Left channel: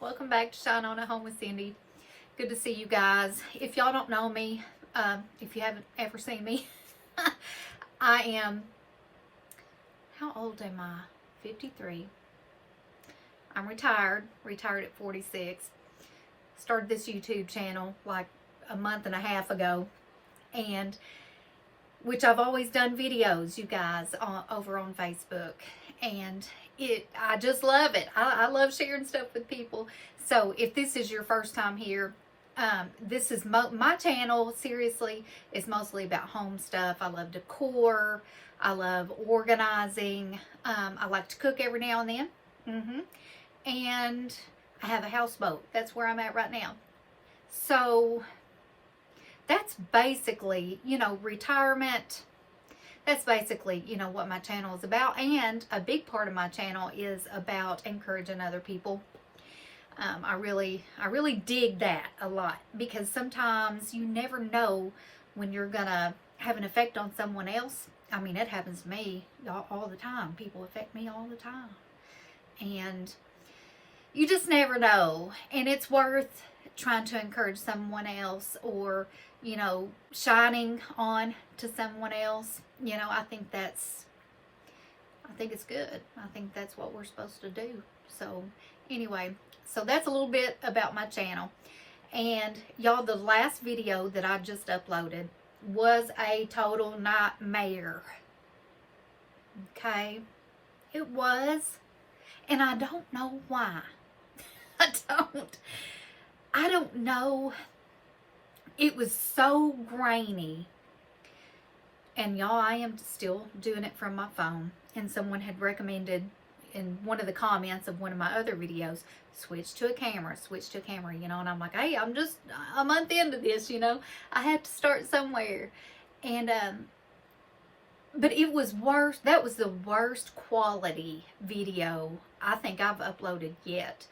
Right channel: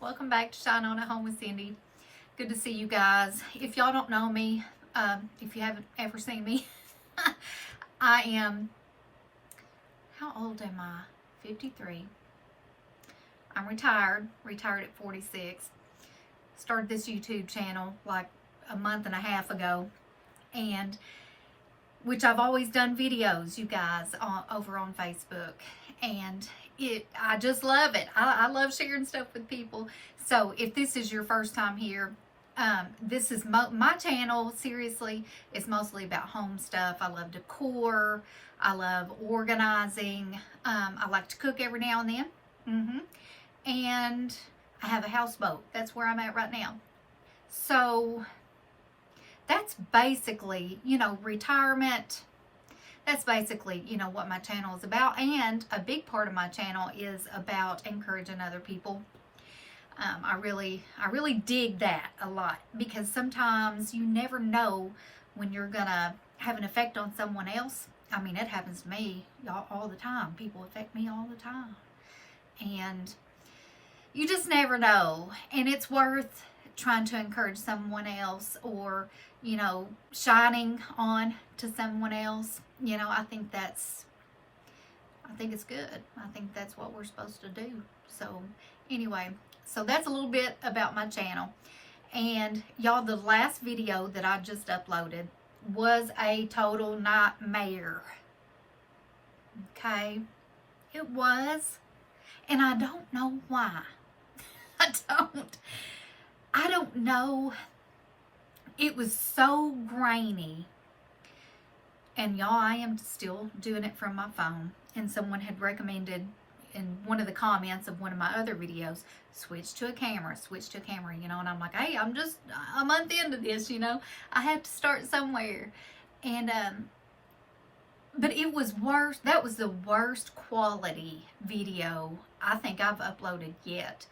Welcome back to Shine On at Home with Cindy. Good to see you guys. If y'all don't know me, if you haven't ever seen me, I am, how old am I? 53. I'm retired at 46. Started this YouTube channel like a month and a half ago, and which I've always done videos, you guys, over on Facebook, and I just love it. I love sharing stuff with people. So if this is your first time here, this is my channel. Seriously, is mostly about home stuff. I love decor. I love organizing. I like to cook every now and then. And I have a houseboat. That's where I'm at right now. So that's basically, retirement. That's basically, what my channel is about. And a big part of my channel is about encouraging other people. I really dig that a lot, because sometimes you never know when you're gonna have an effect on someone else. I mean, it happens to me all the time. People affect me all the time. And you just never know. And it's worth trying to encourage someone else, or, shining on to someone else. I think it's good. I think that's what we're supposed to do. So anyway, so that's a little bit about my channel. And y'all, the last video that I just uploaded was a total nightmare. Okay? It was. And I don't know why. I don't know. It was so grainy. And y'all, I am still doing it from my phone. And someone had recommended in one of the comments of one of my other videos, switch to a camera, and I'm like, hey, I'm just a month into this, I have to start somewhere. And but it was worse. That was the worst quality video I think I've uploaded yet.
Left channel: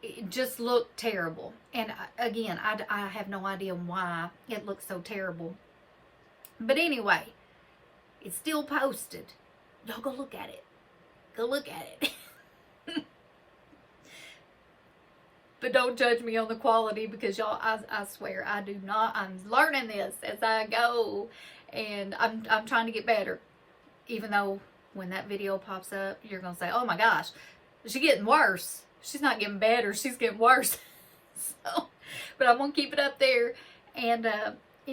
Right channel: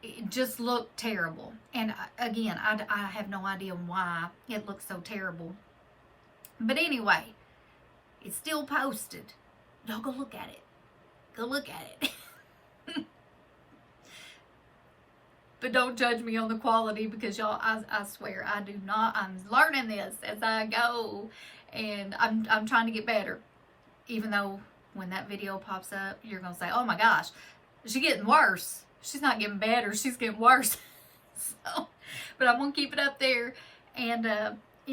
It just looked terrible. And again, I have no idea why it looked so terrible. But anyway, it's still posted. Y'all go look at it. Go look at it. But don't judge me on the quality, because y'all, I swear I do not. I'm learning this as I go, and I'm trying to get better. Even though when that video pops up, you're gonna say, oh my gosh, she's getting worse. She's not getting better, she's getting worse. So, but I'm gonna keep it up there, and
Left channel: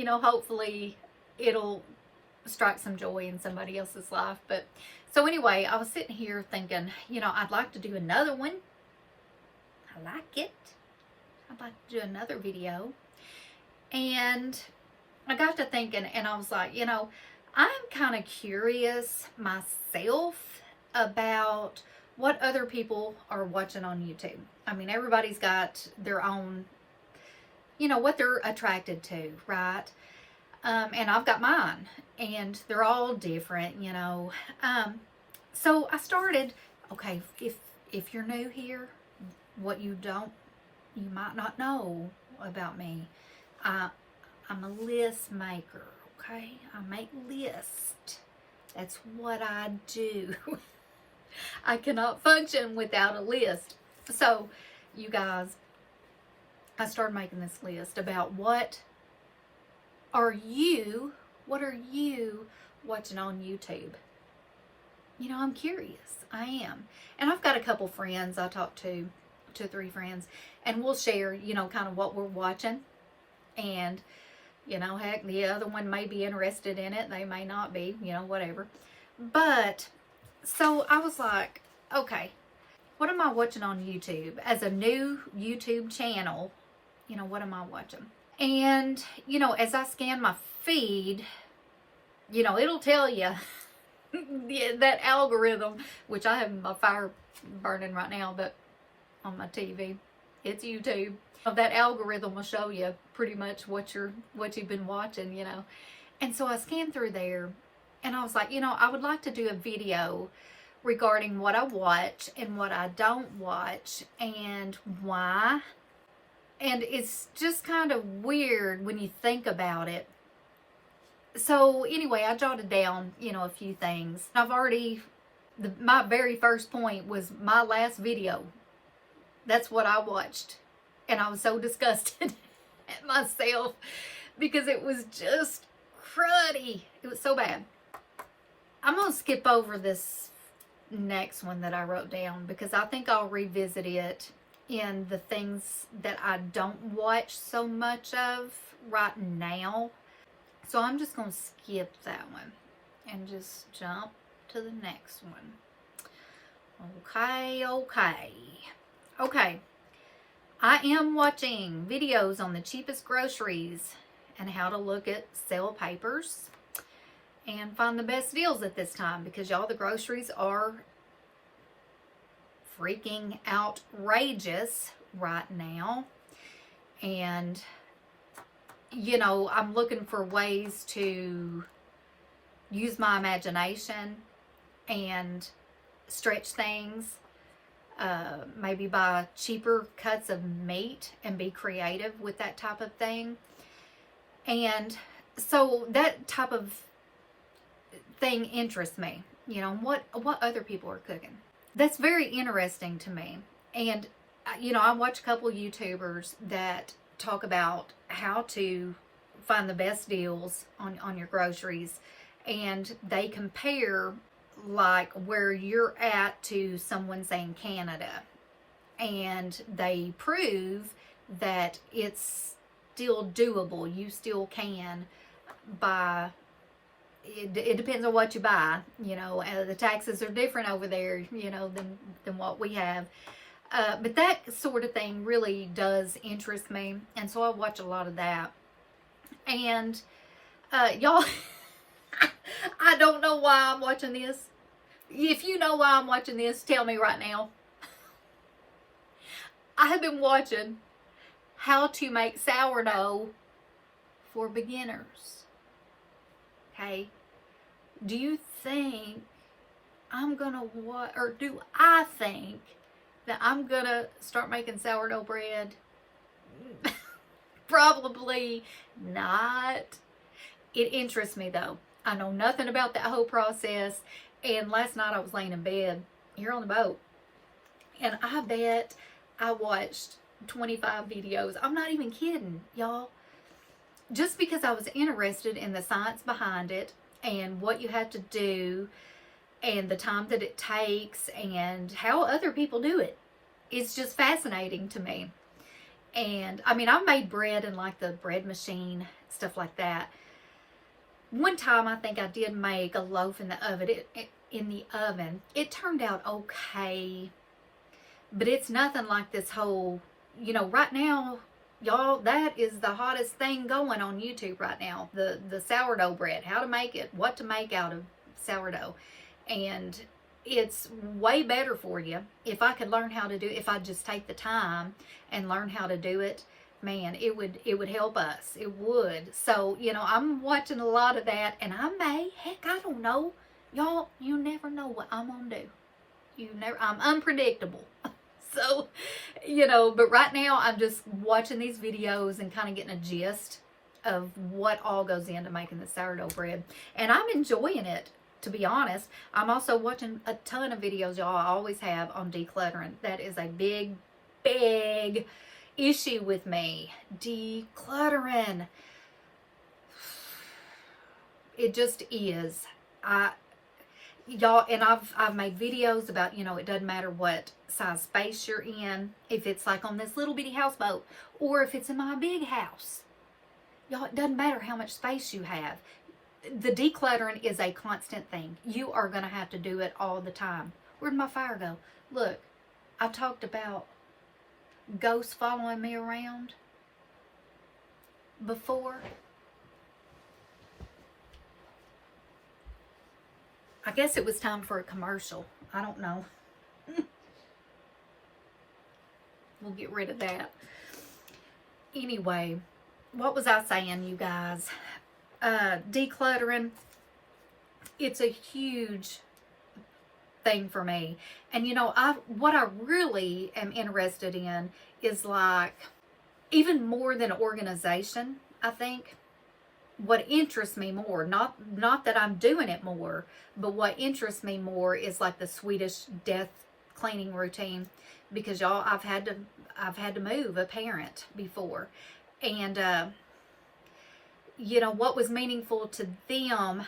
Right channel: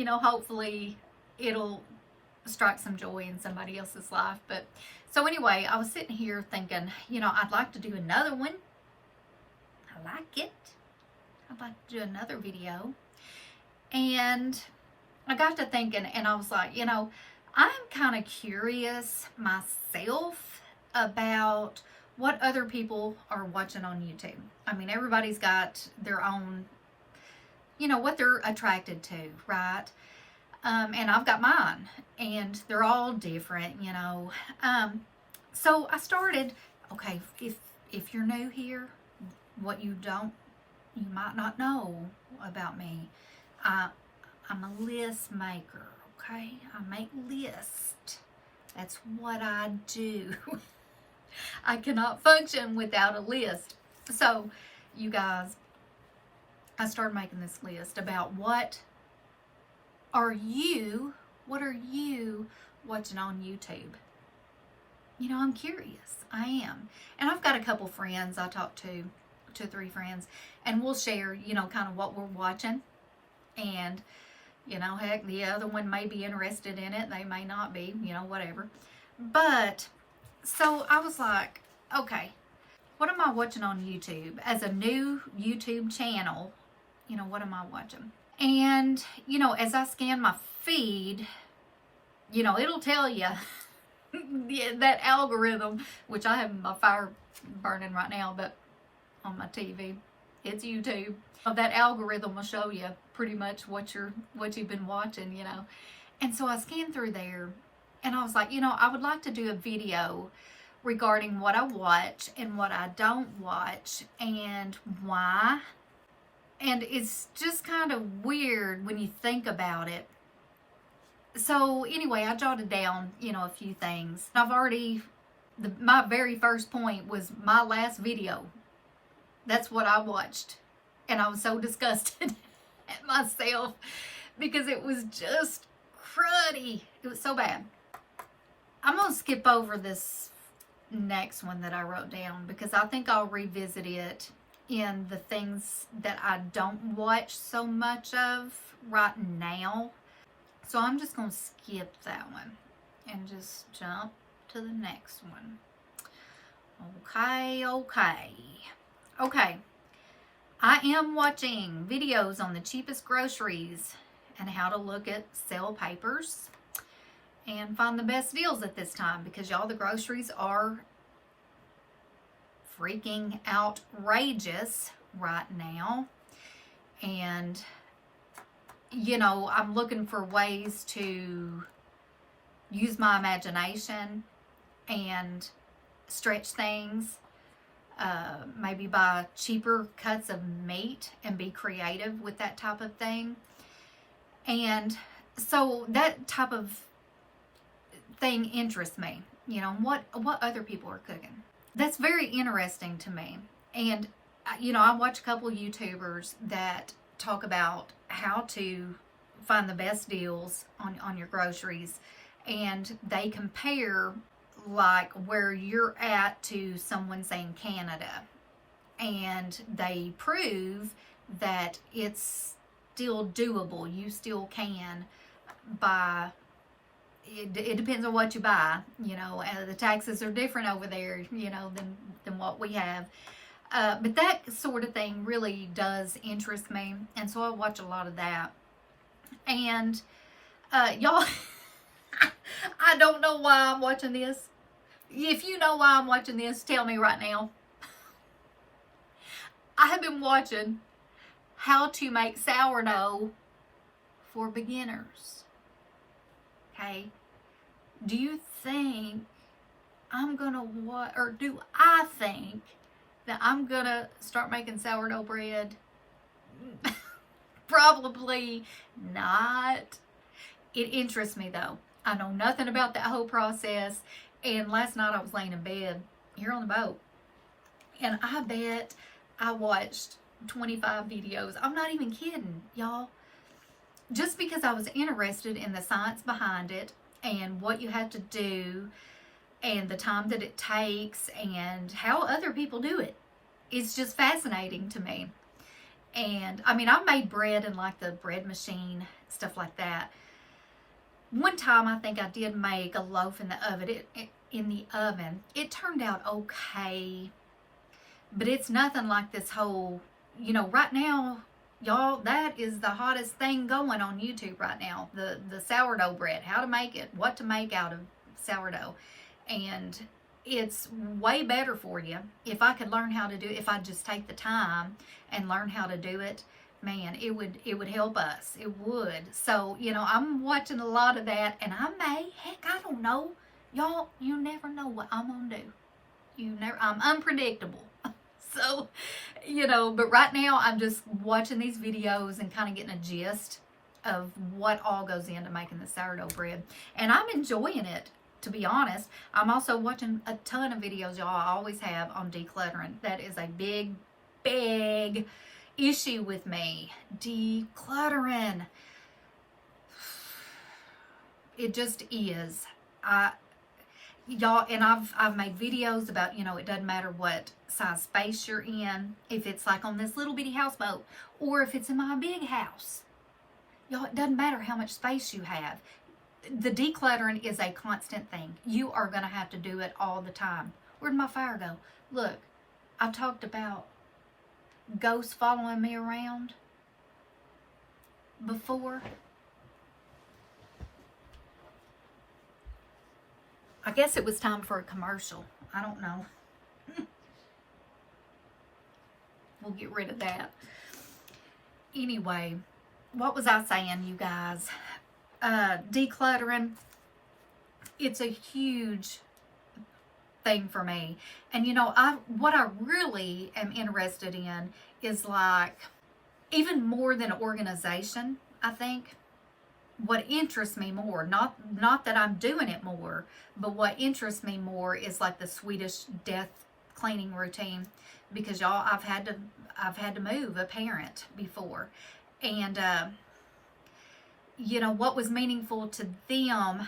hopefully it'll strike some joy in somebody else's life. But so anyway, I was sitting here thinking, I'd like to do another one. I like it. I'd like to do another video. And I got to thinking, and I was like, I'm kind of curious myself about what other people are watching on YouTube. I mean, everybody's got their own, what they're attracted to, right? And I've got mine, and they're all different, So I started, okay, if you're new here, what you might not know about me, I'm a list maker, okay? I make lists. That's what I do. I cannot function without a list. So, you guys, I started making this list about what are you watching on YouTube? I'm curious. I am. And I've got a couple friends I talk to, 2 or 3 friends, and we'll share, kind of what we're watching. And, heck, the other one may be interested in it. They may not be, whatever. But, so I was like, okay, what am I watching on YouTube? As a new YouTube channel, what am I watching? And, as I scan my feed, it'll tell you that algorithm, which I have my fire burning right now, but on my TV, it's YouTube. That algorithm will show you pretty much what you've been watching, And so I scanned through there, and I was like, I would like to do a video regarding what I watch and what I don't watch and why. And it's just kind of weird when you think about it. So anyway, I jotted down, a few things. I've already my very first point was my last video. That's what I watched. And I was so disgusted at myself because it was just cruddy. It was so bad. I'm going to skip over this next one that I wrote down because I think I'll revisit it in the things that I don't watch so much of right now. So I'm just going to skip that one and just jump to the next one. Okay. I am watching videos on the cheapest groceries and how to look at sale papers and find the best deals at this time because y'all, the groceries are freaking outrageous right now. And you know, I'm looking for ways to use my imagination and stretch things, maybe buy cheaper cuts of meat and be creative with that type of thing. And so that type of thing interests me, you know, what other people are cooking. That's very interesting to me. And you know, I watch a couple of YouTubers that talk about how to find the best deals on your groceries, and they compare like where you're at to someone saying Canada, and they prove that it's still doable. You still can buy. It depends on what you buy. You know, the taxes are different over there, you know, than what we have. But that sort of thing really does interest me, and so I watch a lot of that. And y'all, I don't know why I'm watching this. If you know why I'm watching this, tell me right now. I have been watching how to make sourdough for beginners. Okay, do you think I'm gonna or do I think that I'm gonna start making sourdough bread? Probably not. It interests me though. I know nothing about that whole process. And last night I was laying in bed here on the boat, and I bet I watched 25 videos. I'm not even kidding, y'all. Just because I was interested in the science behind it and what you have to do and the time that it takes and how other people do it. It's just fascinating to me. And I mean, I've made bread in like the bread machine, stuff like that. One time I think I did make a loaf in the oven. It turned out okay, but it's nothing like this whole, you know, right now, y'all, that is the hottest thing going on YouTube right now. The sourdough bread, how to make it, what to make out of sourdough. And it's way better for you. If I could learn how to do it, if I just take the time and learn how to do it, man, it would help us. It would. So, you know, I'm watching a lot of that, and I don't know. Y'all, you never know what I'm gonna do. I'm unpredictable. So, you know, but right now I'm just watching these videos and kind of getting a gist of what all goes into making the sourdough bread. And I'm enjoying it, to be honest. I'm also watching a ton of videos, y'all. I always have, on decluttering. That is a big, big issue with me. Decluttering. It just is. Y'all, and I've made videos about, you know, it doesn't matter what size space you're in, if it's like on this little bitty houseboat or if it's in my big house. Y'all, it doesn't matter how much space you have. The decluttering is a constant thing. You are going to have to do it all the time. Where'd my fire go? Look, I've talked about ghosts following me around before. I guess it was time for a commercial. I don't know. We'll get rid of that. Anyway, what was I saying, you guys? Decluttering. It's a huge thing for me. And you know, what I really am interested in is like even more than organization, I think. what interests me more, not that I'm doing it more, but what interests me more is like the Swedish death cleaning routine, because y'all, I've had to move a parent before, and you know, what was meaningful to them,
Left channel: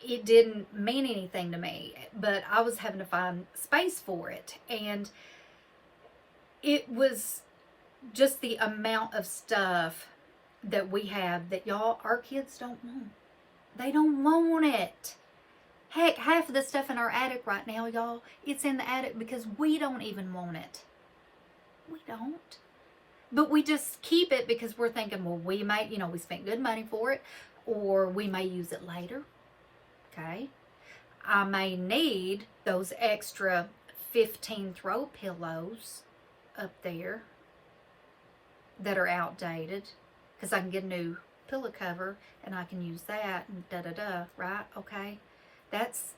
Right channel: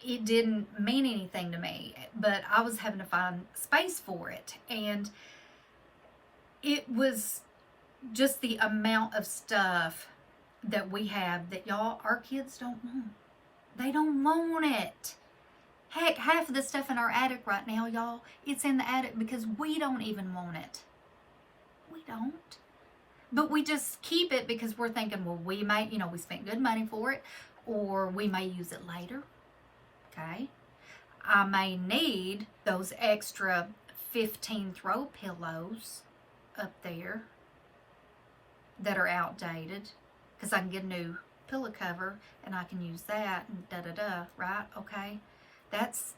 it didn't mean anything to me, but I was having to find space for it. And it was just the amount of stuff that we have that, y'all, our kids don't want. They don't want it. Heck, half of the stuff in our attic right now, y'all, it's in the attic because we don't even want it. We don't. But we just keep it because we're thinking, well, we might, you know, we spent good money for it, or we may use it later. Okay. I may need those extra 15 throw pillows up there that are outdated, because I can get a new pillow cover and I can use that and da-da-da, right? Okay. That's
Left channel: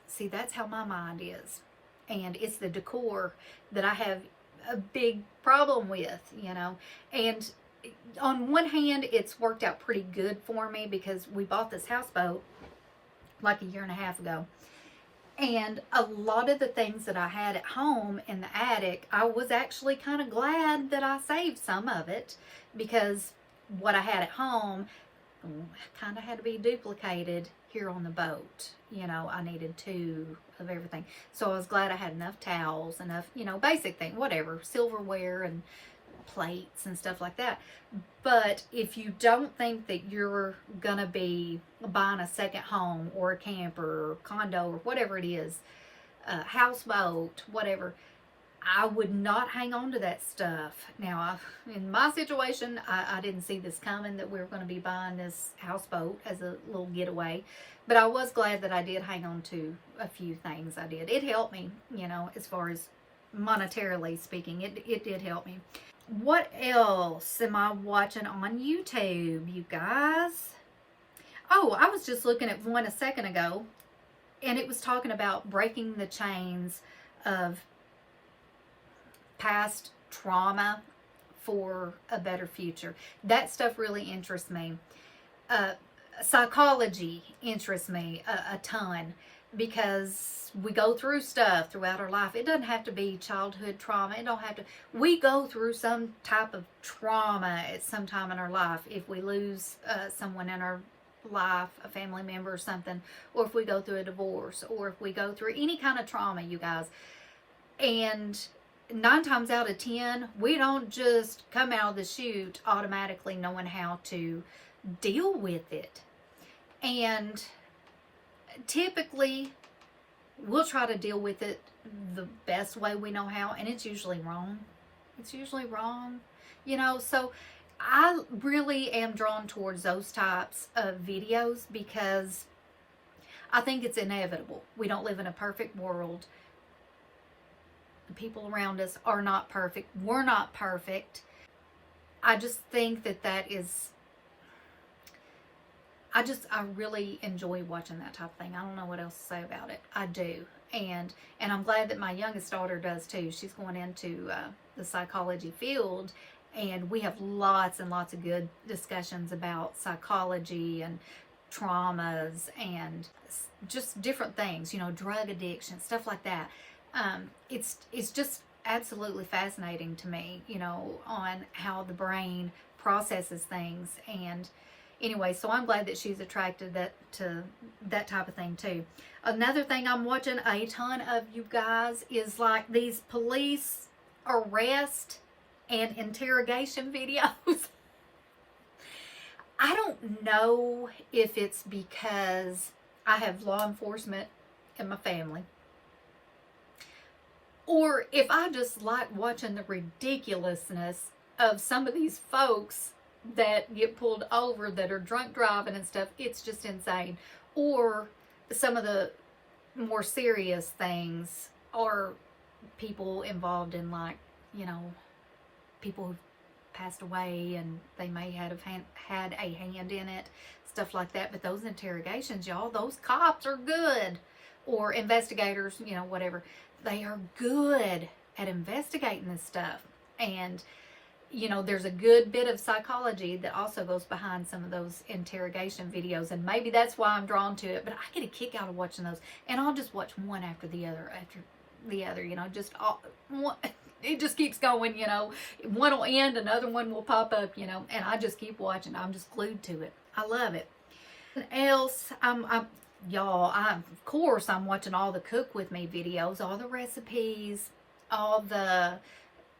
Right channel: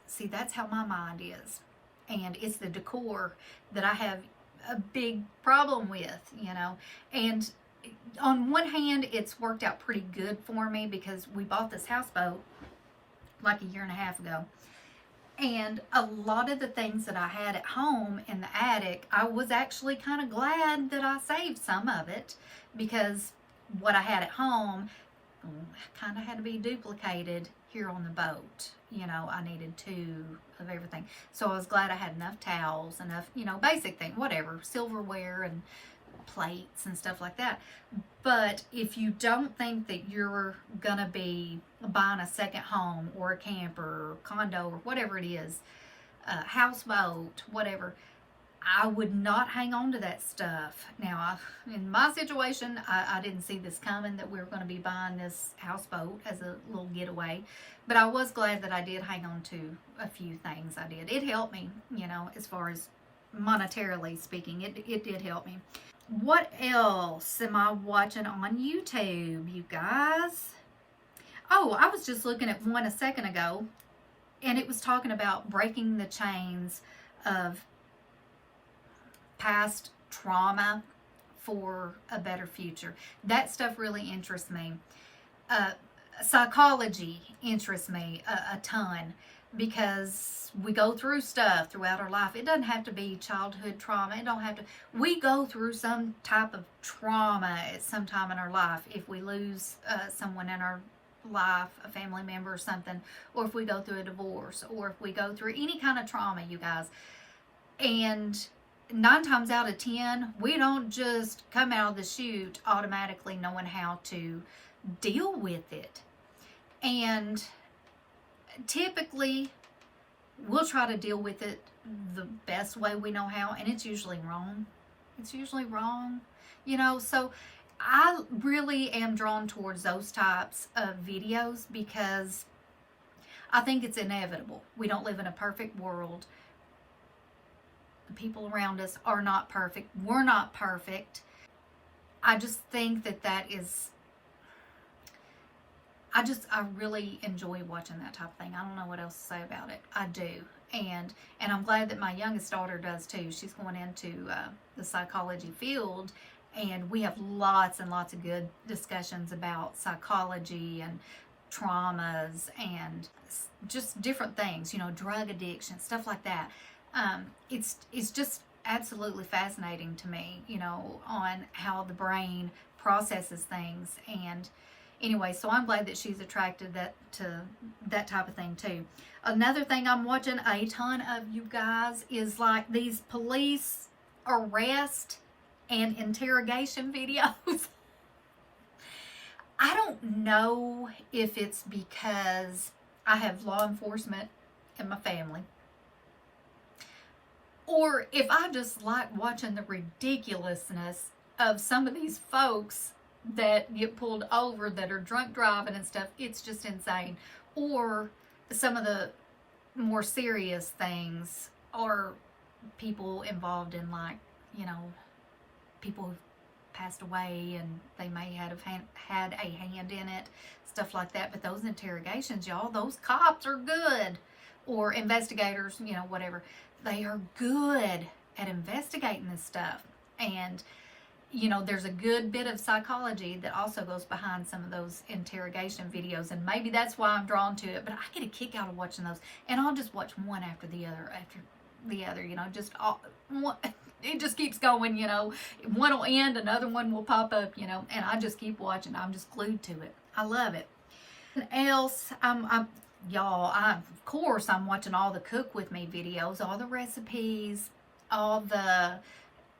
how my mind is. And it's the decor that I have a big problem with, you know. And on one hand, it's worked out pretty good for me, because we bought this houseboat like a year and a half ago. And a lot of the things that I had at home in the attic, I was actually kind of glad that I saved some of it, because what I had at home kind of had to be duplicated here on the boat. You know, I needed 2 of everything. So I was glad I had enough towels, enough, you know, basic thing, whatever, silverware and plates and stuff like that. But if you don't think that you're gonna be buying a second home or a camper or condo or whatever it is, houseboat, whatever, I would not hang on to that stuff. Now, in my situation, I didn't see this coming, that we were going to be buying this houseboat as a little getaway. But I was glad that I did hang on to a few things. I did. It helped me, you know, as far as monetarily speaking. It did help me. What else am I watching on YouTube, you guys? Oh, I was just looking at one a second ago, and it was talking about breaking the chains of past trauma for a better future. That stuff really interests me. Psychology interests me a ton, because we go through stuff throughout our life. It doesn't have to be childhood trauma. It don't have to. We go through some type of trauma at some time in our life. If we lose someone in our life, a family member or something, or if we go through a divorce, or if we go through any kind of trauma, you guys. And 9 times out of 10, we don't just come out of the chute automatically knowing how to deal with it. And typically, we'll try to deal with it the best way we know how, and it's usually wrong. It's usually wrong, you know. So I really am drawn towards those types of videos, because I think it's inevitable. We don't live in a perfect world. The people around us are not perfect. We're not perfect. I just think that is, I really enjoy watching that type of thing. I don't know what else to say about it. I do. And I'm glad that my youngest daughter does too. She's going into the psychology field, and we have lots and lots of good discussions about psychology and traumas and just different things, you know, drug addiction, stuff like that. It's just absolutely fascinating to me, you know, on how the brain processes things. And anyway, so I'm glad that she's attracted to that type of thing too. Another thing I'm watching a ton of, you guys, is like these police arrest and interrogation videos. I don't know if it's because I have law enforcement in my family, or if I just like watching the ridiculousness of some of these folks that get pulled over that are drunk driving and stuff. It's just insane. Or some of the more serious things are people involved in, like, you know, people who've passed away and they may have had a hand in it, stuff like that. But those interrogations, y'all, those cops are good. Or investigators, you know, whatever. They are good at investigating this stuff. And you know, there's a good bit of psychology that also goes behind some of those interrogation videos, and maybe that's why I'm drawn to it, but I get a kick out of watching those, and I'll just watch one after the other, you know, just all, one, it just keeps going, you know, one will end, another one will pop up, you know, and I just keep watching. I'm just glued to it. I love it. And else, y'all, of course, I'm watching all the cook with me videos, all the recipes, all the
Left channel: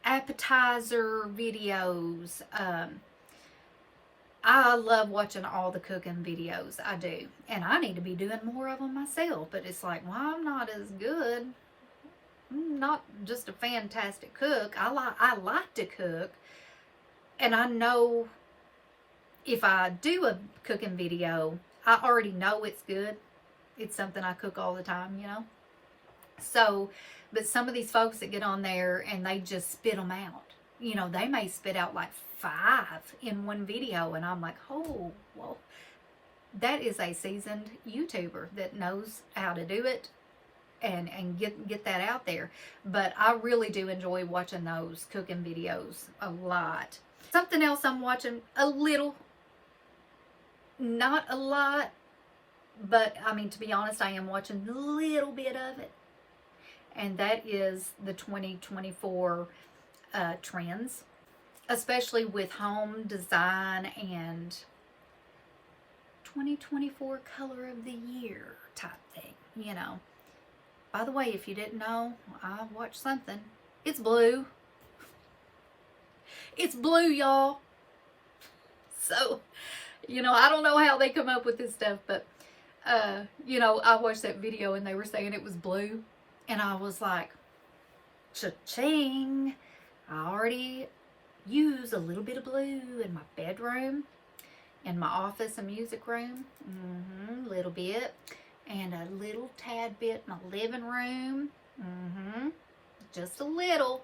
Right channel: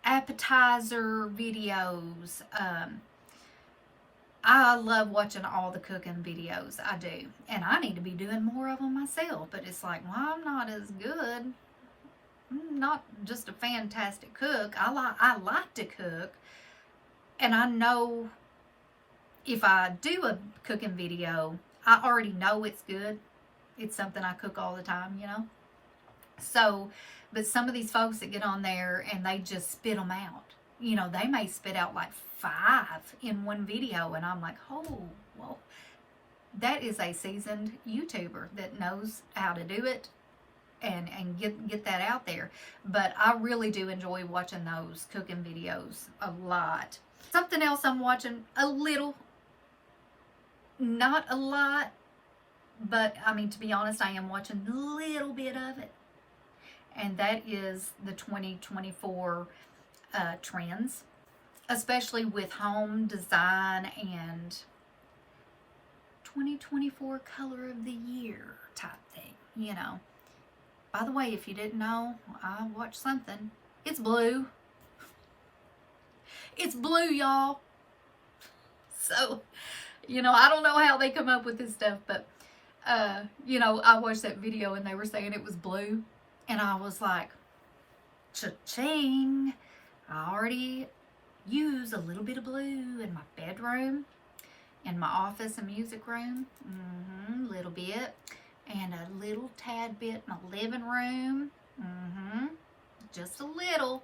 appetizer videos. I love watching all the cooking videos. I do. And I need to be doing more of them myself. But it's like, well, I'm not as good. I'm not just a fantastic cook. I like to cook. And I know if I do a cooking video, I already know it's good. It's something I cook all the time, you know. So, but some of these folks that get on there and they just spit them out. You know, they may spit out like 5 in one video, and I'm like, oh, well, that is a seasoned YouTuber that knows how to do it and get that out there. But I really do enjoy watching those cooking videos a lot. Something else I'm watching a little, not a lot, but I mean, to be honest, I am watching a little bit of it. And that is the 2024 trends, especially with home design and 2024 color of the year type thing, you know. By the way, if you didn't know, I watched something. It's blue. It's blue, y'all. So, you know, I don't know how they come up with this stuff, but, you know, I watched that video and they were saying it was blue. And I was like, cha-ching. I already use a little bit of blue in my bedroom, in my office and music room. A little bit. And a little tad bit in my living room. Just a little.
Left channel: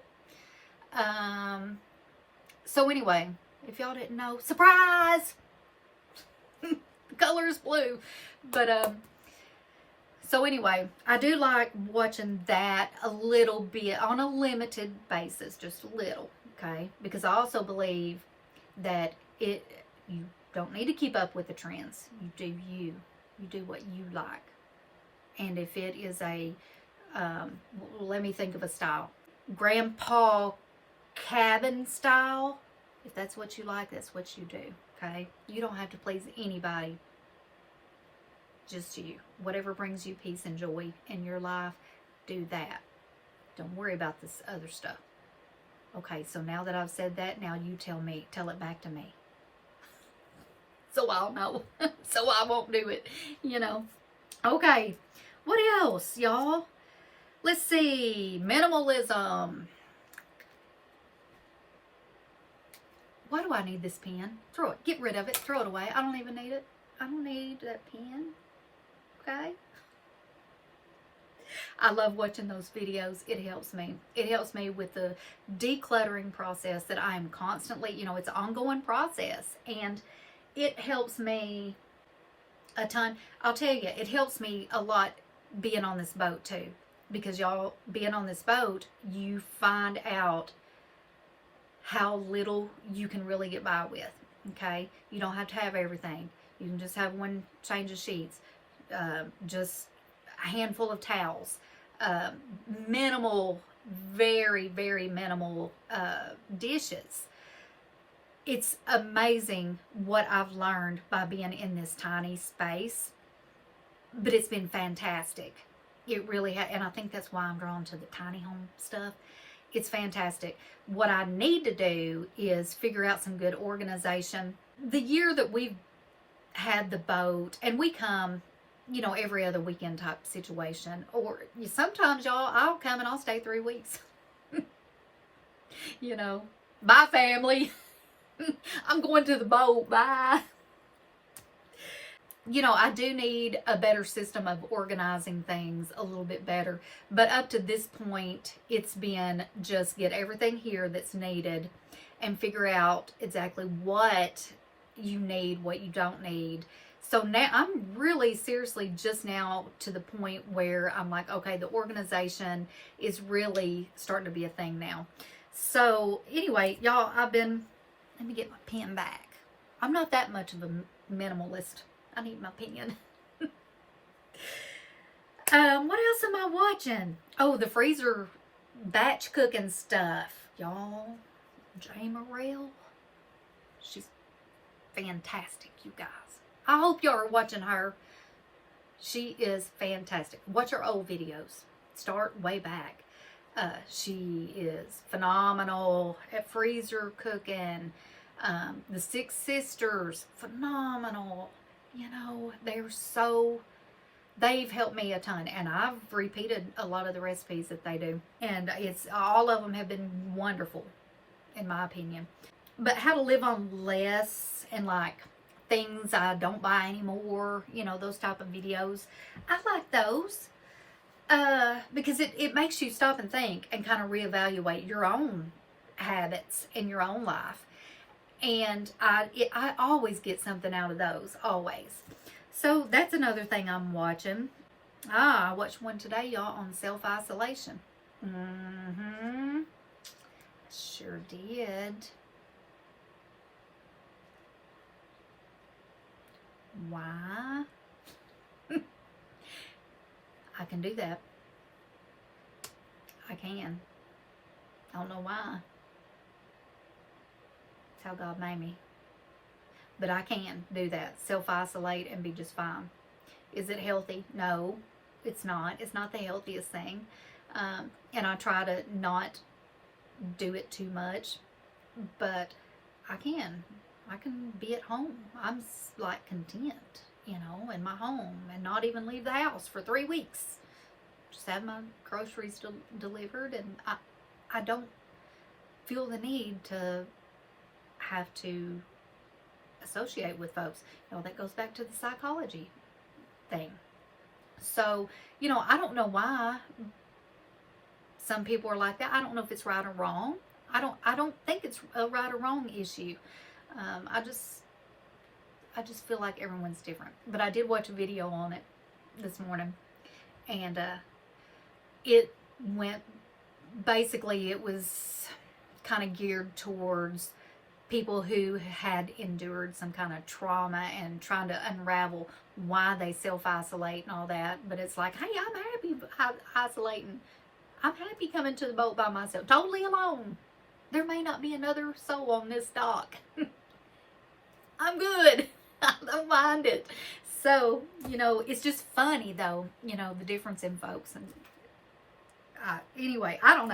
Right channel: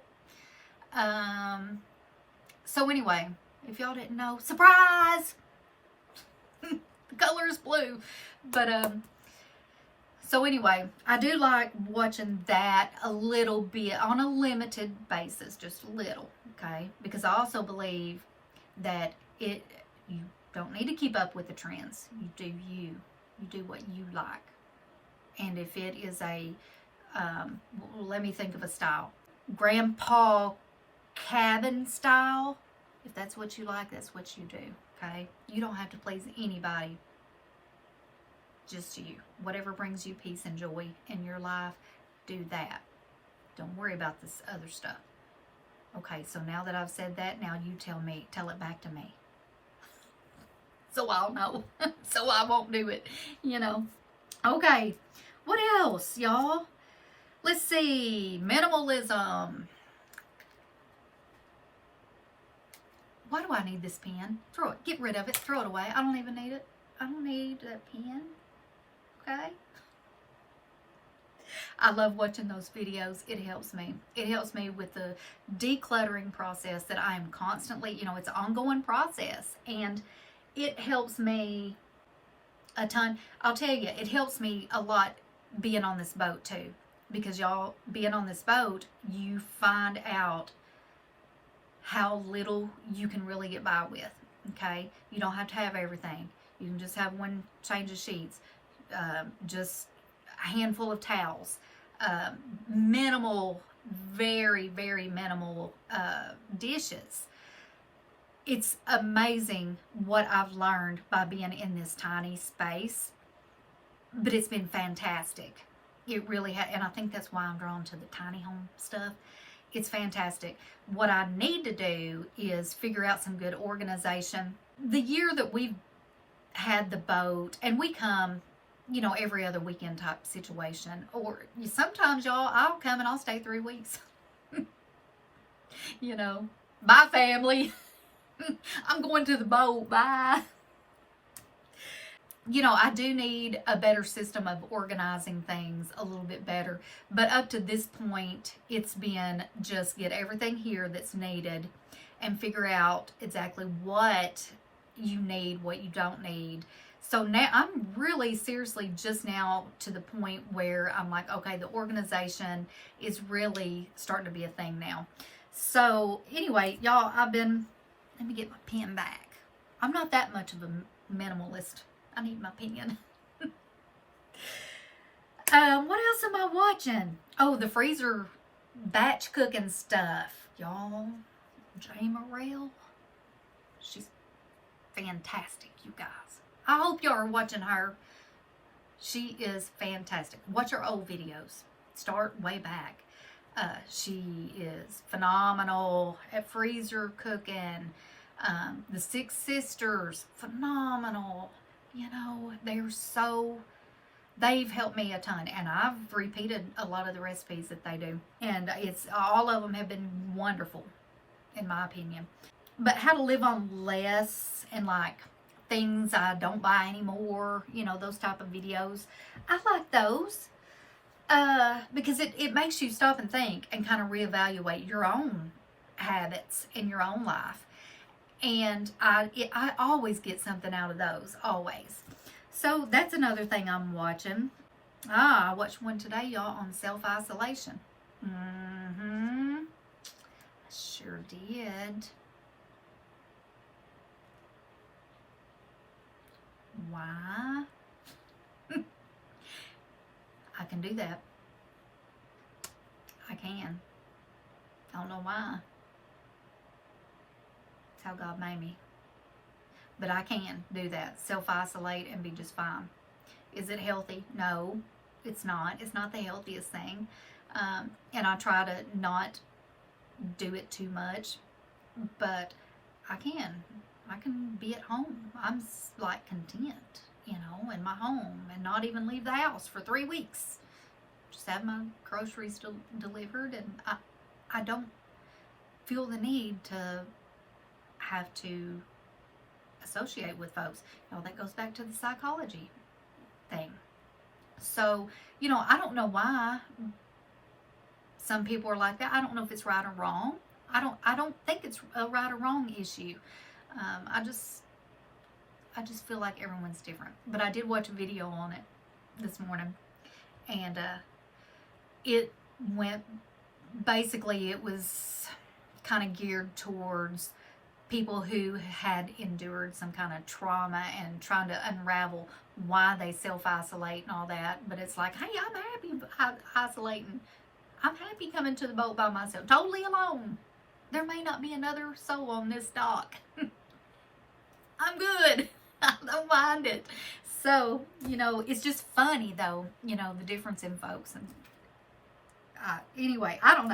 So anyway, if y'all didn't know, surprise! The color is blue. But, so anyway, I do like watching that a little bit on a limited basis, just a little, okay? Because I also believe that you don't need to keep up with the trends. You do you. You do what you like. And if it is a, let me think of a style. Grandpa cabin style, if that's what you like, that's what you do, okay? You don't have to please anybody. Just you. Whatever brings you peace and joy in your life, do that. Don't worry about this other stuff. Okay, so now that I've said that, now you tell it back to me. So I'll know. So I won't do it, you know. Okay, what else, y'all? Let's see. Minimalism. Why do I need this pen? Throw it. Get rid of it. Throw it away. I don't even need it. I don't need that pen. Okay? I love watching those videos. It helps me. It helps me with the decluttering process that I am constantly, you know, it's an ongoing process. And it helps me a ton. I'll tell you, it helps me a lot being on this boat too. Because y'all, being on this boat, you find out how little you can really get by with. Okay? You don't have to have everything. You can just have one change of sheets. Just a handful of towels, minimal, very, very minimal dishes. It's amazing what I've learned by being in this tiny space, but it's been fantastic. It really has, and I think that's why I'm drawn to the tiny home stuff. It's fantastic. What I need to do is figure out some good organization. The year that we've had the boat, and we come, you know, every other weekend type situation, or sometimes, y'all, I'll come and I'll stay 3 weeks. You know, bye family. I'm going to the boat, bye. You know, I do need a better system of organizing things a little bit better, but up to this point, it's been just get everything here that's needed and figure out exactly what you need, what you don't need. So now I'm really seriously just now to the point where I'm like, okay, the organization is really starting to be a thing now. So anyway, y'all, let me get my pen back. I'm not that much of a minimalist. I need my pen. What else am I watching? Oh, the freezer batch cooking stuff. Y'all, Jay Morrell, she's fantastic, you guys. I hope y'all are watching her. She is fantastic. Watch her old videos. Start way back. She is phenomenal at freezer cooking. The Six Sisters, phenomenal. You know, they've helped me a ton, and I've repeated a lot of the recipes that they do, and all of them have been wonderful in my opinion. But how to live on less, and like things I don't buy anymore, you know, those type of videos, I like those because it makes you stop and think and kind of reevaluate your own habits in your own life. And I always get something out of those, always. So that's another thing I'm watching. I watched one today, y'all, on self-isolation. I sure did. Why? I can do that. I can. I don't know why. It's how God made me. But I can do that. Self-isolate and be just fine. Is it healthy? No, it's not. It's not the healthiest thing. And I try to not do it too much. But I can. I can be at home. I'm like content, you know, in my home and not even leave the house for 3 weeks. Just have my groceries delivered, and I don't feel the need to have to associate with folks. You know, that goes back to the psychology thing. So, you know, I don't know why some people are like that. I don't know if it's right or wrong. I don't think it's a right or wrong issue. I just feel like everyone's different. But I did watch a video on it this morning, and it went, basically it was kind of geared towards people who had endured some kind of trauma and trying to unravel why they self-isolate and all that. But it's like, hey, I'm happy isolating. I'm happy coming to the boat by myself, totally alone. There may not be another soul on this dock. I'm good. I don't mind it. So, you know, it's just funny though, you know, the difference in folks. And anyway, I don't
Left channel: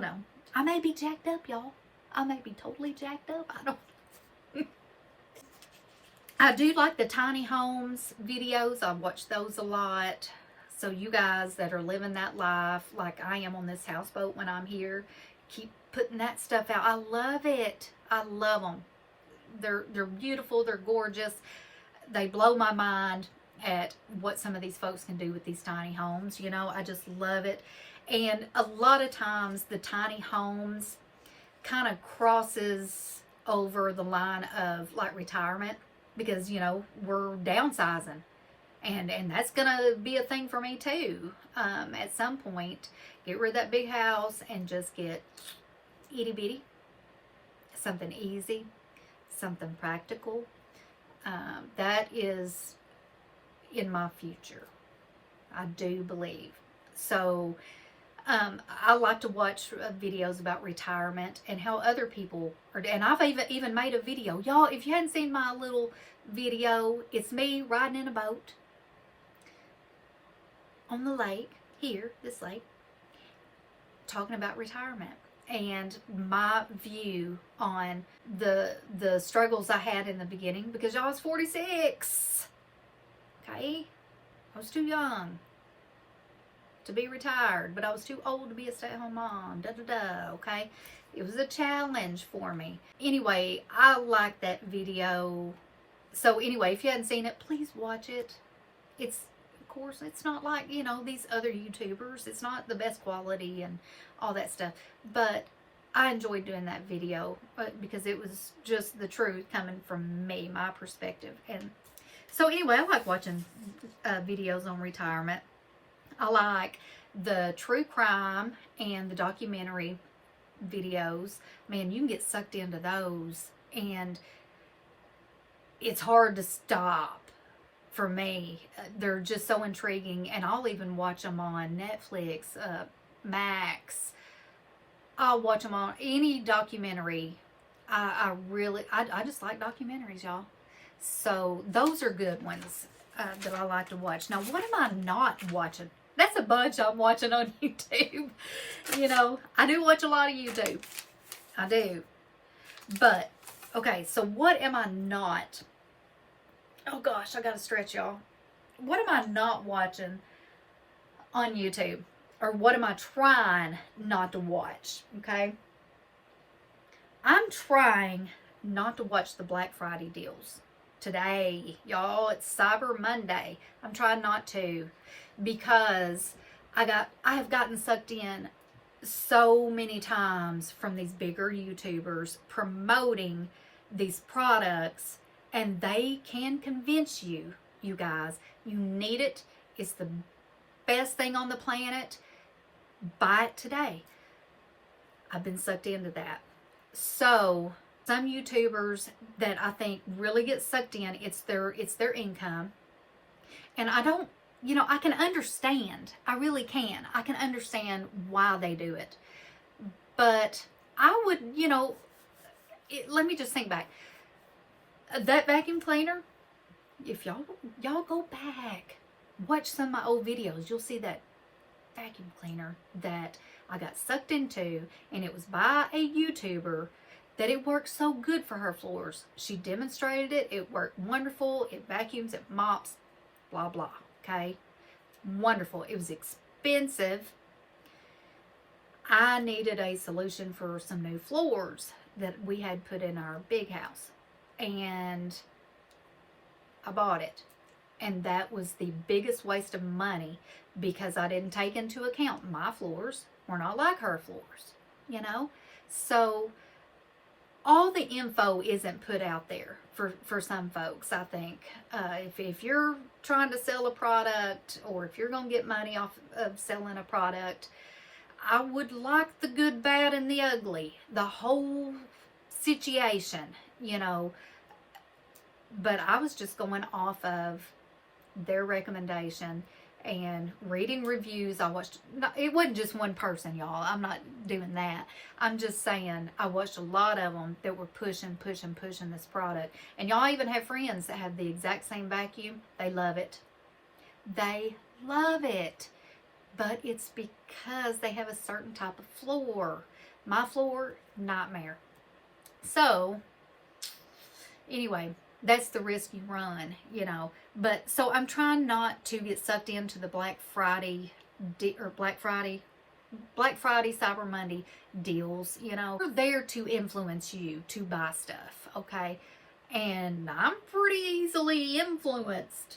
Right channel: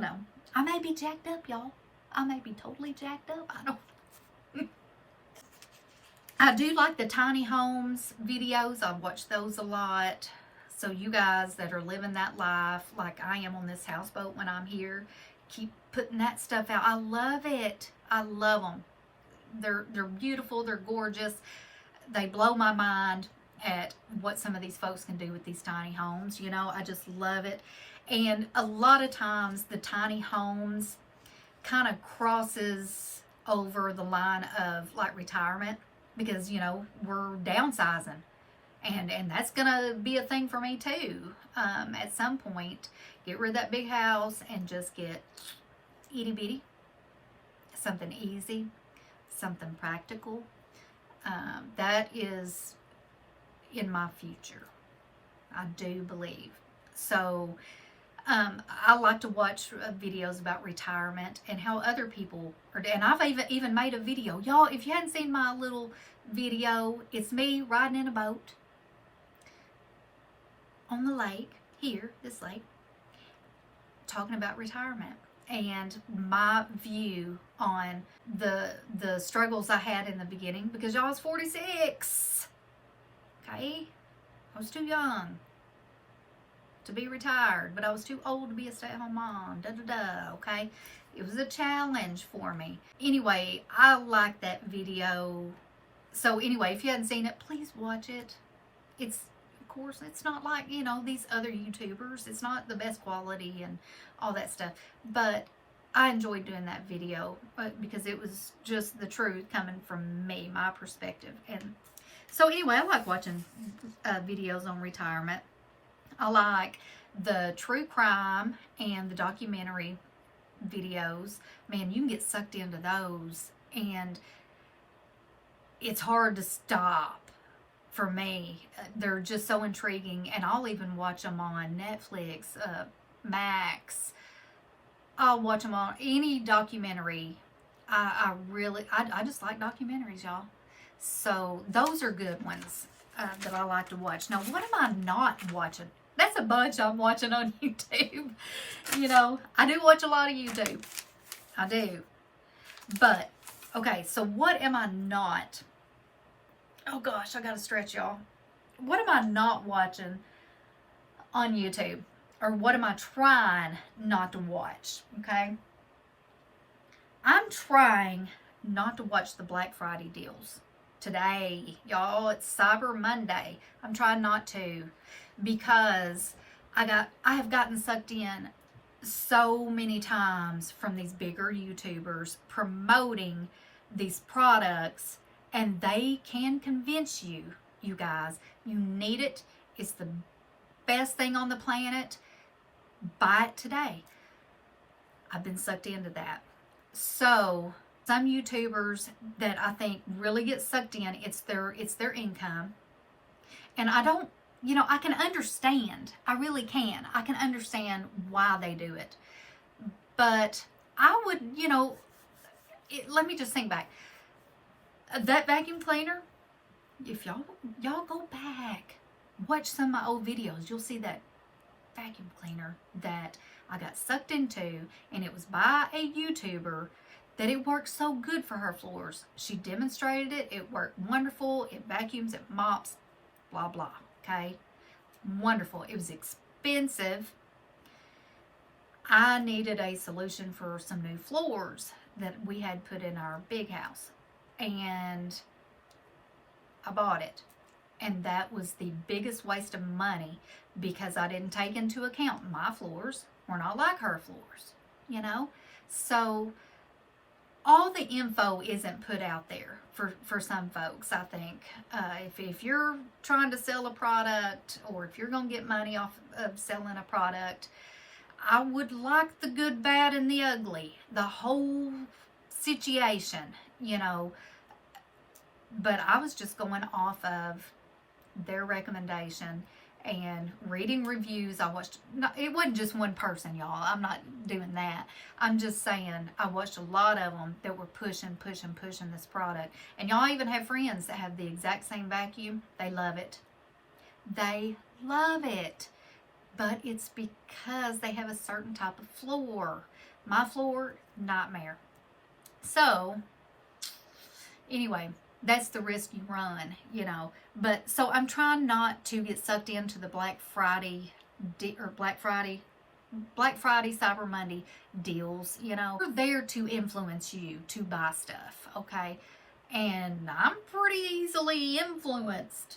know. I may be jacked up, y'all. I may be totally jacked up. I don't. I do like the tiny homes videos. I watch those a lot. So you guys that are living that life like I am on this houseboat when I'm here, keep putting that stuff out. I love it. I love them. They're beautiful. They're gorgeous. They blow my mind at what some of these folks can do with these tiny homes. You know, I just love it. And a lot of times the tiny homes kind of crosses over the line of like retirement, because, you know, we're downsizing. And that's going to be a thing for me too. At some point, get rid of that big house and just get itty bitty. Something easy, something practical. That is in my future, I do believe. So I like to watch videos about retirement and how other people are, and I've even made a video. Y'all, if you hadn't seen my little video, it's me riding in a boat on the lake, here, this lake, talking about retirement and my view on the struggles I had in the beginning, because y'all, I was 46. Okay, I was too young to be retired, but I was too old to be a stay-at-home mom. Okay, it was a challenge for me. Anyway, I like that video. So anyway, if you hadn't seen it, please watch it. It's, of course, it's not like, you know, these other YouTubers. It's not the best quality and all that stuff, but I enjoyed doing that video because it was just the truth coming from me, my perspective. And so anyway, I like watching videos on retirement. I like the true crime and the documentary videos, man, you can get sucked into those, and it's hard to stop for me. They're just so intriguing, and I'll even watch them on Netflix, Max. I'll watch them on any documentary. I just like documentaries, y'all. So those are good ones that I like to watch. Now, what am I not watching? That's a bunch I'm watching on YouTube. You know, I do watch a lot of YouTube. I do. But, okay, so what am I not? Oh gosh, I gotta stretch, y'all. What am I not watching on YouTube? Or what am I trying not to watch? Okay? I'm trying not to watch the Black Friday deals. Today, y'all, it's Cyber Monday. I'm trying not to, because I have gotten sucked in so many times from these bigger YouTubers promoting these products, and they can convince you, you guys, you need it. It's the best thing on the planet. Buy it today. I've been sucked into that. So some YouTubers that I think really get sucked in, it's their income. And I don't, you know, I can understand. I really can. I can understand why they do it. But I would, you know, let me just think back. That vacuum cleaner, if y'all go back, watch some of my old videos, you'll see that vacuum cleaner that I got sucked into, and it was by a YouTuber that it worked so good for her floors. She demonstrated it. It worked wonderful. It vacuums, it mops, blah, blah. Okay? Wonderful. It was expensive. I needed a solution for some new floors that we had put in our big house. And I bought it. And that was the biggest waste of money, because I didn't take into account my floors were not like her floors, you know? So all the info isn't put out there for some folks, I think. If you're trying to sell a product, or if you're going to get money off of selling a product, I would like the good, bad, and the ugly, the whole situation, you know. But I was just going off of their recommendation and reading reviews. I watched, it wasn't just one person, y'all. I'm not doing that. I'm just saying I watched a lot of them that were pushing this product. And y'all even have friends that have the exact same vacuum. They love it. They love it. But it's because they have a certain type of floor. My floor, nightmare. So, anyway, that's the risk you run, you know. But so I'm trying not to get sucked into the Black Friday, Cyber Monday deals, you know. They're there to influence you to buy stuff, okay? And I'm pretty easily influenced.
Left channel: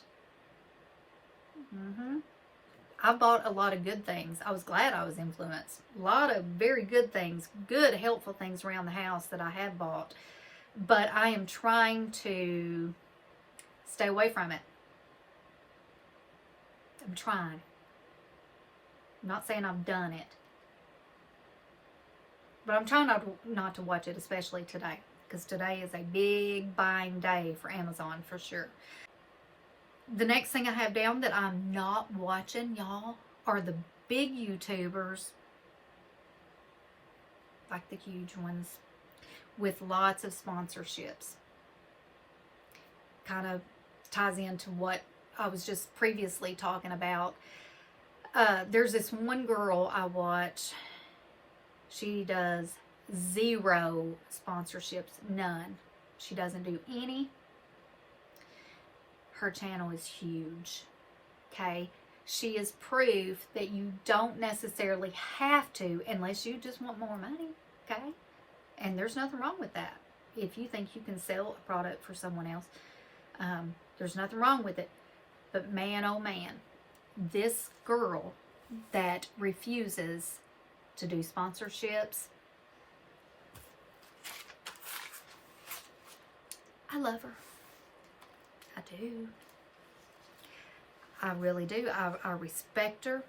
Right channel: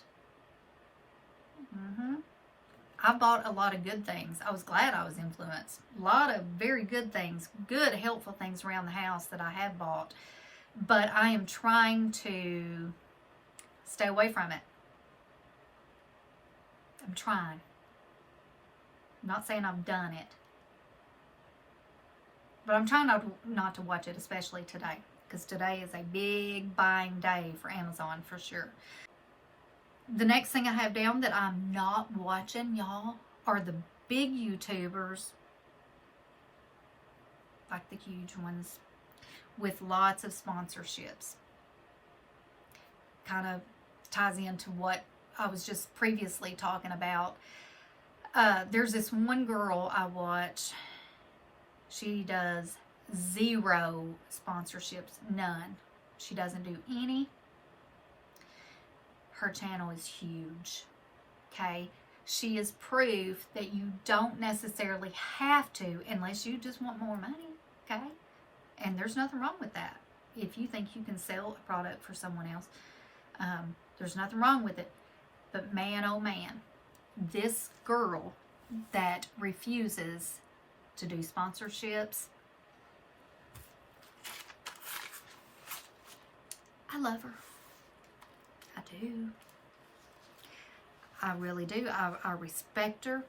I bought a lot of good things. I was glad I was influenced. A lot of very good things, good, helpful things around the house that I have bought. But I am trying to stay away from it. I'm trying. I'm not saying I've done it. But I'm trying not to watch it, especially today. Because today is a big buying day for Amazon, for sure. The next thing I have down that I'm not watching, y'all, are the big YouTubers. Like the huge ones. With lots of sponsorships. Kind of ties into what I was just previously talking about. There's this one girl I watch. She does 0 sponsorships. None. She doesn't do any. Her channel is huge. Okay? She is proof that you don't necessarily have to, unless you just want more money. Okay? And there's nothing wrong with that. If you think you can sell a product for someone else, there's nothing wrong with it. But man, oh man, this girl that refuses to do sponsorships, I love her. I do. I really do. I respect her.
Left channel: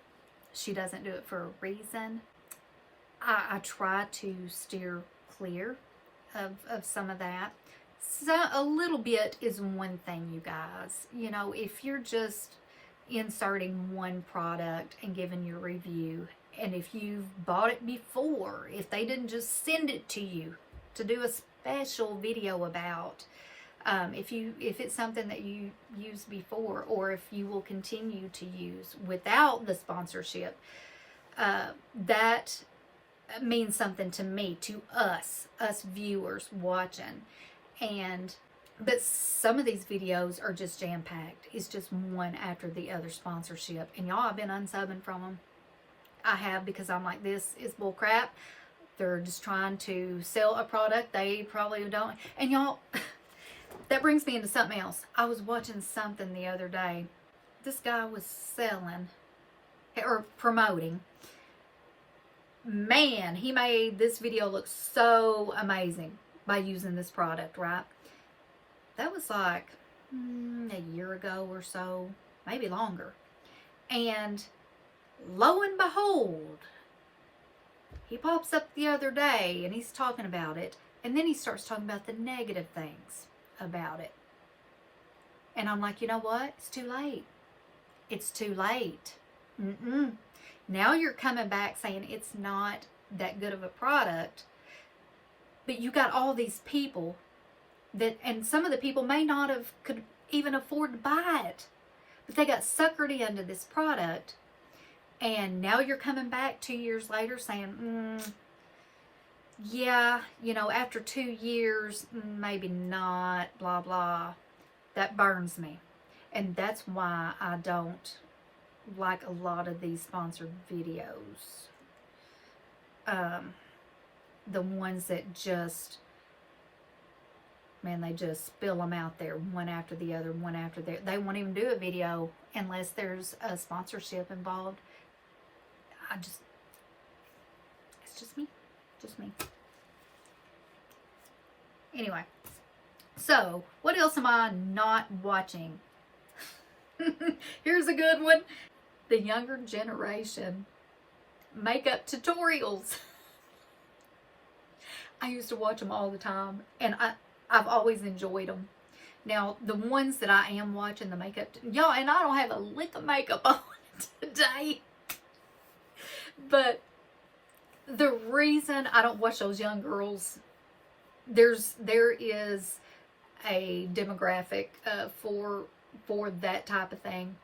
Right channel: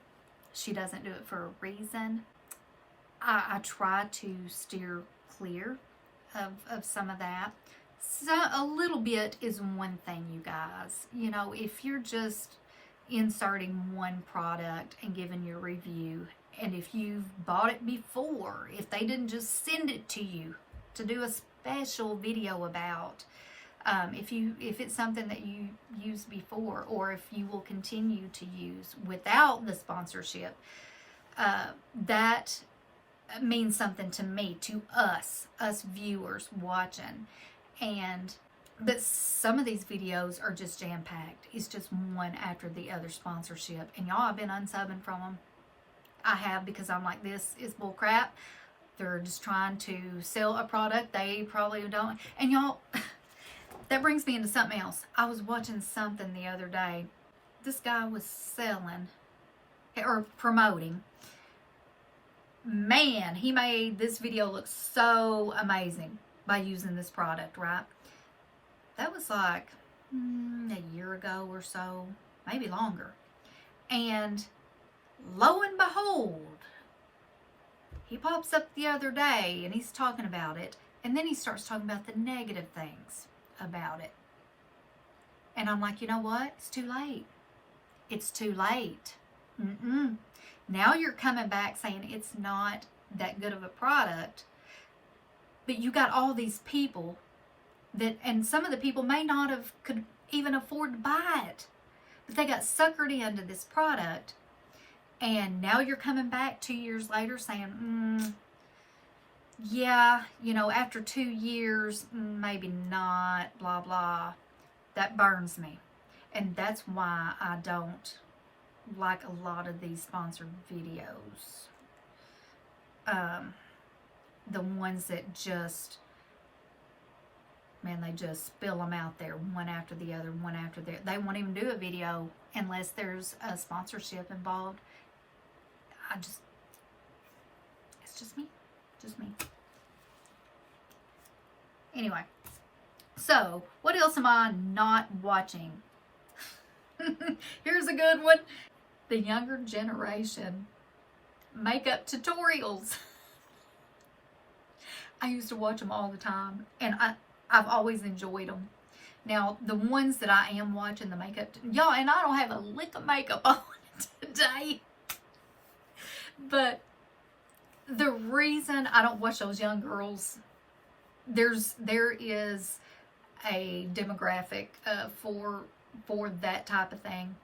She doesn't do it for a reason. I try to steer clear of some of that. So a little bit is one thing, you guys. You know, if you're just inserting one product and giving your review, and if you've bought it before, if they didn't just send it to you to do a special video about, if it's something that you used before, or if you will continue to use without the sponsorship, that means something to me, to us viewers watching. But some of these videos are just jam-packed. It's just one after the other sponsorship. And y'all, I've been unsubbing from them. I have, because I'm like, this is bull crap. They're just trying to sell a product they probably don't. And y'all, that brings me into something else. I was watching something the other day. This guy was selling or promoting. Man, he made this video look so amazing by using this product, right? That was like a year ago or so, maybe longer. And lo and behold, he pops up the other day and he's talking about it. And then he starts talking about the negative things about it. And I'm like, you know what? It's too late. It's too late. Now you're coming back saying it's not that good of a product. But you got all these people that, and some of the people may not have could even afford to buy it, but they got suckered into this product. And now you're coming back 2 years later saying, yeah, you know, after 2 years, maybe not, blah, blah. That burns me. And that's why I don't like a lot of these sponsored videos. The ones that just, man, they just spill them out there one after the other, one after the other. They won't even do a video unless there's a sponsorship involved. It's just me. Just me. Anyway, so what else am I not watching? Here's a good one. The younger generation makeup tutorials. I used to watch them all the time, and I've always enjoyed them. Now, the ones that I am watching, the makeup, y'all, and I don't have a lick of makeup on today. But the reason I don't watch those young girls, there is a demographic for that type of thing,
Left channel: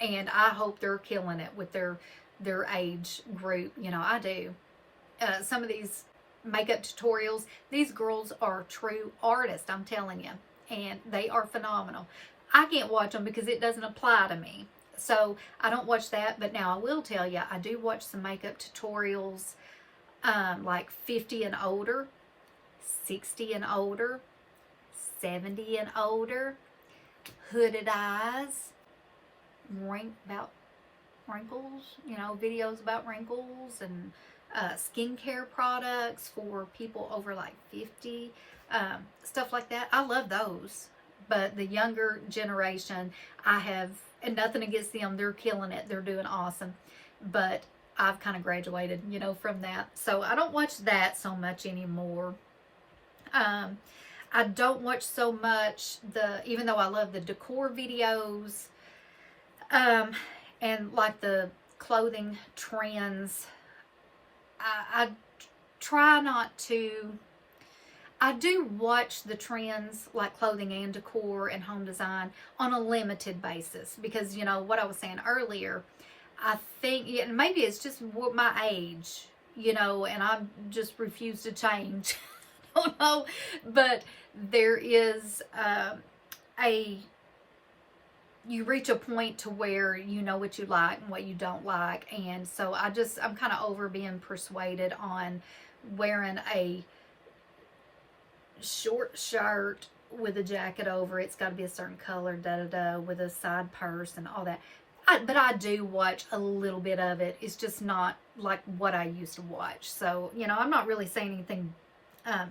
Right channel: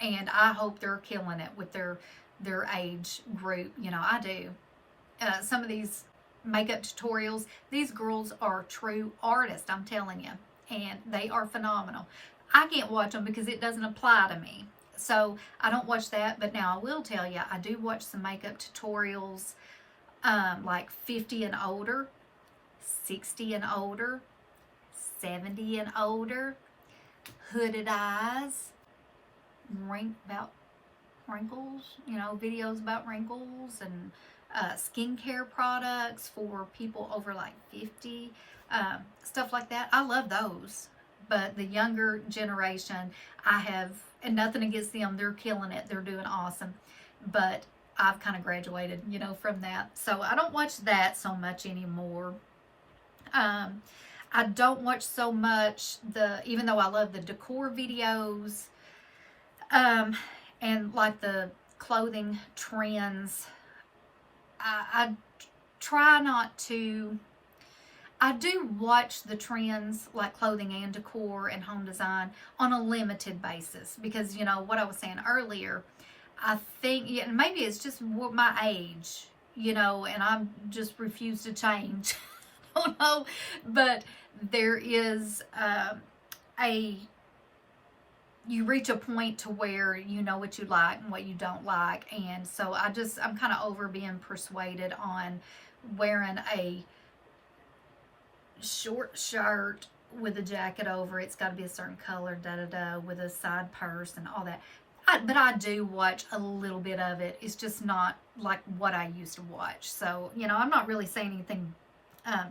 and I hope they're killing it with their age group. You know, I do. Some of these makeup tutorials, these girls are true artists, I'm telling you, and they are phenomenal. I can't watch them because it doesn't apply to me, so I don't watch that. But now I will tell you, I do watch some makeup tutorials, like 50 and older, 60 and older, 70 and older, hooded eyes, about wrinkles, you know, videos about wrinkles, and skincare products for people over like 50, stuff like that. I love those. But the younger generation, I have, and nothing against them, they're killing it, they're doing awesome, but I've kind of graduated, you know, from that, so I don't watch that so much anymore. I don't watch so much even though I love the decor videos, and like the clothing trends. I try not to. I do watch the trends like clothing and decor and home design on a limited basis, because, you know, what I was saying earlier, I think, yeah, maybe it's just my age, you know, and I just refuse to change. I don't know, but there is you reach a point to where you know what you like and what you don't like. And so I'm kind of over being persuaded on wearing a short shirt with a jacket over it. It's got to be a certain color, with a side purse and all that. But I do watch a little bit of it. It's just not like what I used to watch. So, you know, I'm not really saying anything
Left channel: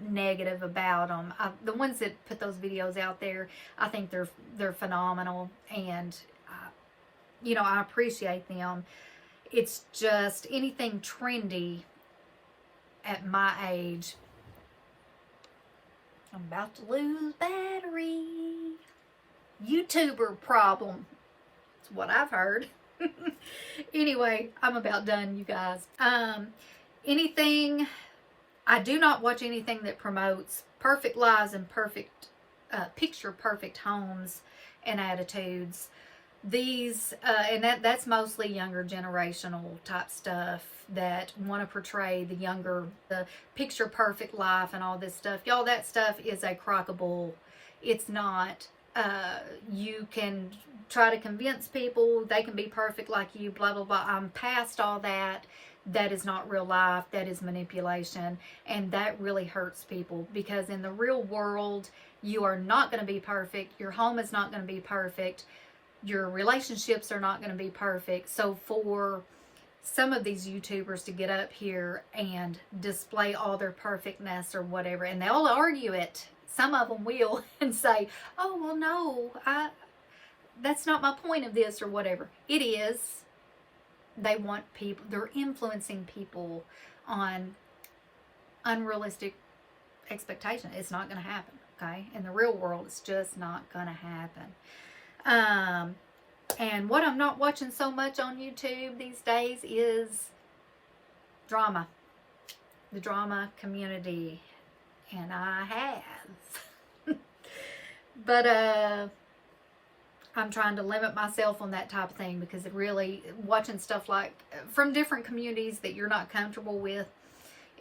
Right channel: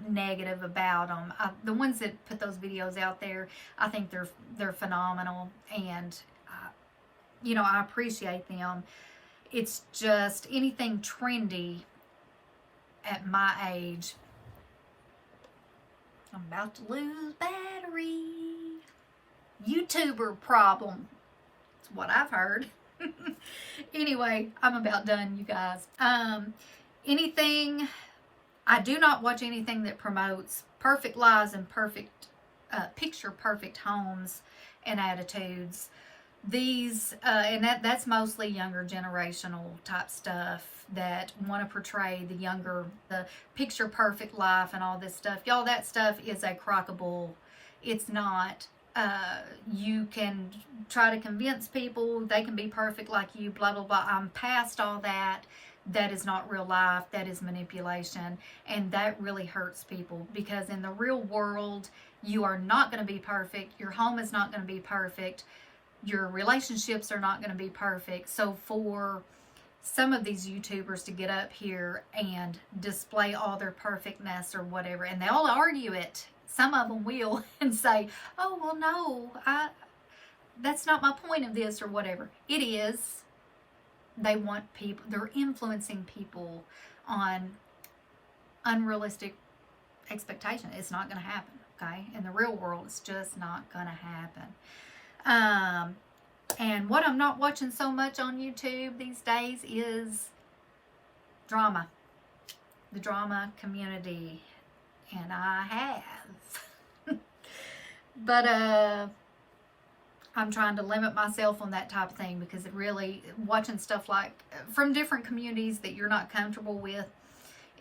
negative about them. The ones that put those videos out there, I think they're phenomenal, and you know, I appreciate them. It's just anything trendy, at my age. I'm about to lose battery. YouTuber problem. That's what I've heard. Anyway, I'm about done, you guys. I do not watch anything that promotes perfect lives and perfect, picture perfect homes and attitudes. These, and that's mostly younger generational type stuff that want to portray the picture perfect life and all this stuff. Y'all, that stuff is a crock of bull. It's not. You can try to convince people they can be perfect like you, blah, blah, blah. I'm past all that. That is not real life. That is manipulation. And that really hurts people, because in the real world, you are not going to be perfect. Your home is not going to be perfect. Your relationships are not going to be perfect. So for some of these YouTubers to get up here and display all their perfectness or whatever, and they'll argue it. Some of them will and say, oh, well, no, that's not my point of this or whatever. It is. They want people, they're influencing people on unrealistic expectation. It's not going to happen, okay? In the real world, it's just not going to happen. And what I'm not watching so much on YouTube these days is drama. The drama community. And I have. But I'm trying to limit myself on that type of thing, because it really, watching stuff like from different communities that you're not comfortable with,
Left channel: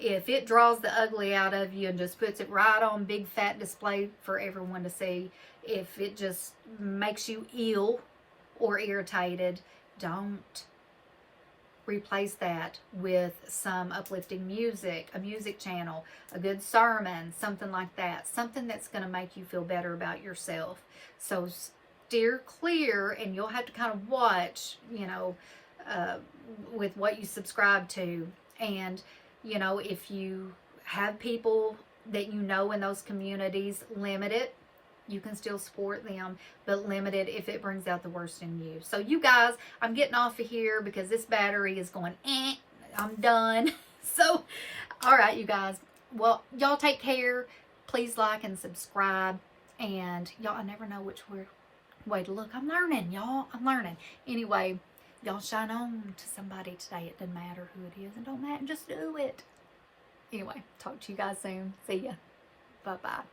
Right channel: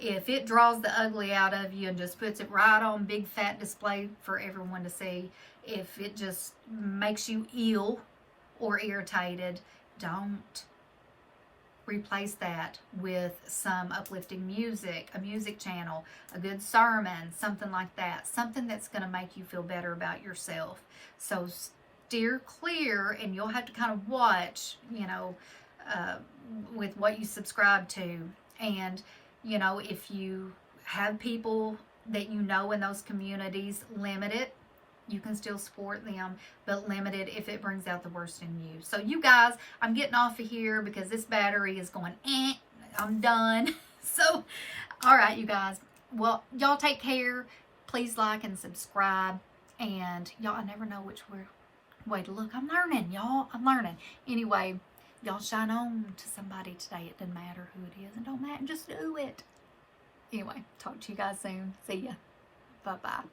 if it draws the ugly out of you and just puts it right on big fat display for everyone to see, if it just makes you ill or irritated, don't. Replace that with some uplifting music, a music channel, a good sermon, something like that. Something that's going to make you feel better about yourself. So steer clear, and you'll have to kind of watch, you know, with what you subscribe to. And, you know, if you have people that you know in those communities, limit it. You can still support them, but limit it if it brings out the worst in you. So you guys, I'm getting off of here because this battery is going, I'm done. So, all right, you guys. Well, y'all take care. Please like and subscribe. And y'all, I never know which way to look. I'm learning, y'all. I'm learning. Anyway, y'all shine on to somebody today. It doesn't matter who it is. It don't matter. Just do it. Anyway, talk to you guys soon. See ya. Bye-bye.